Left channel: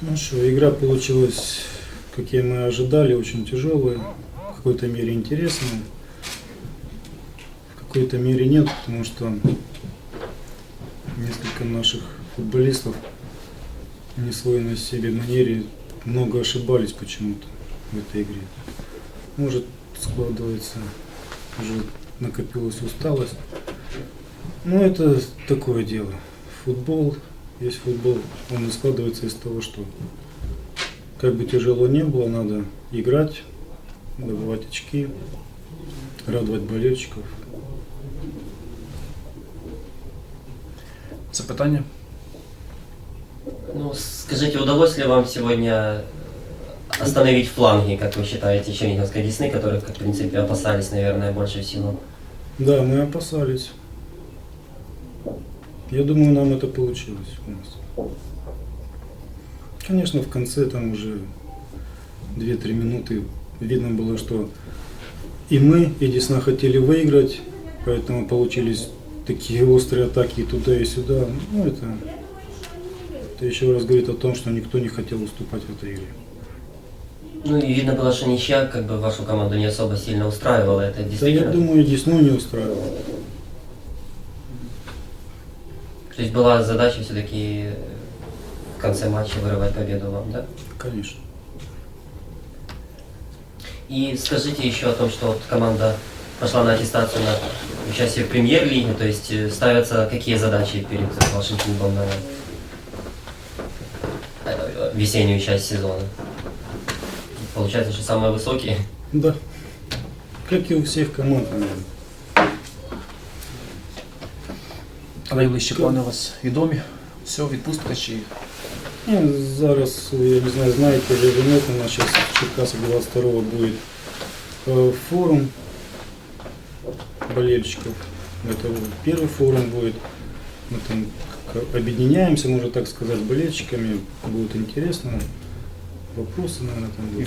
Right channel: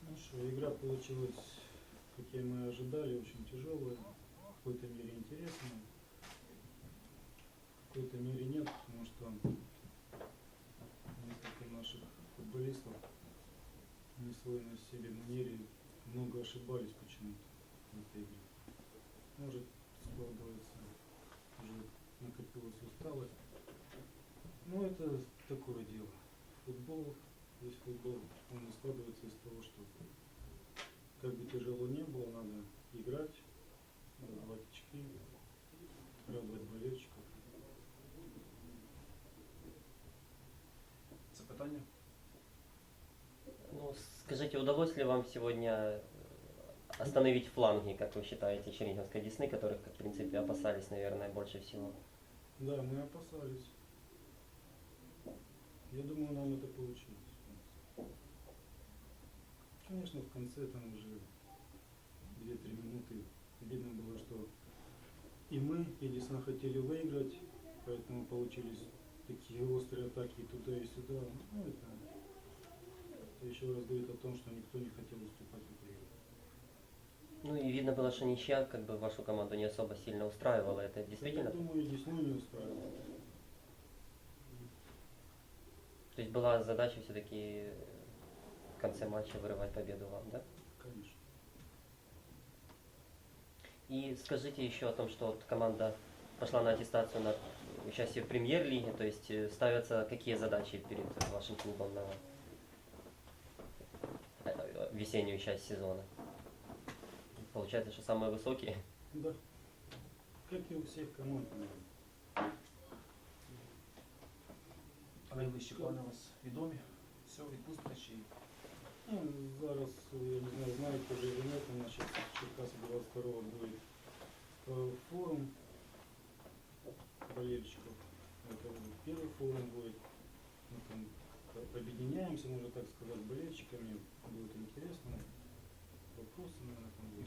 Ну что, игра получилась, как и мы ожидали, очень тяжелая, в какой-то мере интересная, в какой-то мере нет, потому что несколько наших футболистов в несвойной себе манере много ошибались почему-то в этой игре. Может, складывается, уже накопилась усталость. Но это такое дело. Футбол, есть футбол, он и складывается из того, что как бы тяжело не было, надо играть, добывать очки, радовать болельщиков. Запитання? Ну, скажите, удалось ли вам сегодня остановить фланги, как вы считаете, Черниговской Десны, которых, как, в принципе, опасались, наверное, больше всего? Да, мы опасались. Я думаю, нам это получилось у нас. Конечно, в конце там уже 2-3 минуты видно было, что и мы, и Десна хотели выиграть, поэтому получились такие острые атаки и туда, и сюда. Ну, это, это еще раз говорит о том, что никто не хотел уступать в этой игре. Ну и видно было, что ничья как бы вашу команду не особо сильно устраивала. Это Да, я действительно... думаю, Десну не устраивало. То есть была задача все-таки в конце матча вырывать победу вам, да? Конечно. И скажите еще о том, что вот команда пошла на аттестацию на участие в премьер-лиге, то есть э, ставятся какие задачи перед вашим клубом на э, весеннюю часть сезона? Получается, что самые высокие. Да. Как и у всех команд, наверное. найближчі плани у вас відомі? Все, відпустка чи Ну, зараз, я не знаю, знаете или вы нет, у нас сейчас в Черкасах 22 будет э, форум болельщиков. Это вот первый форум будет. Мы там как объединяемся, можно так сказать, с болельщиками. Будет интересно. Вопросы, наверное, там і будут.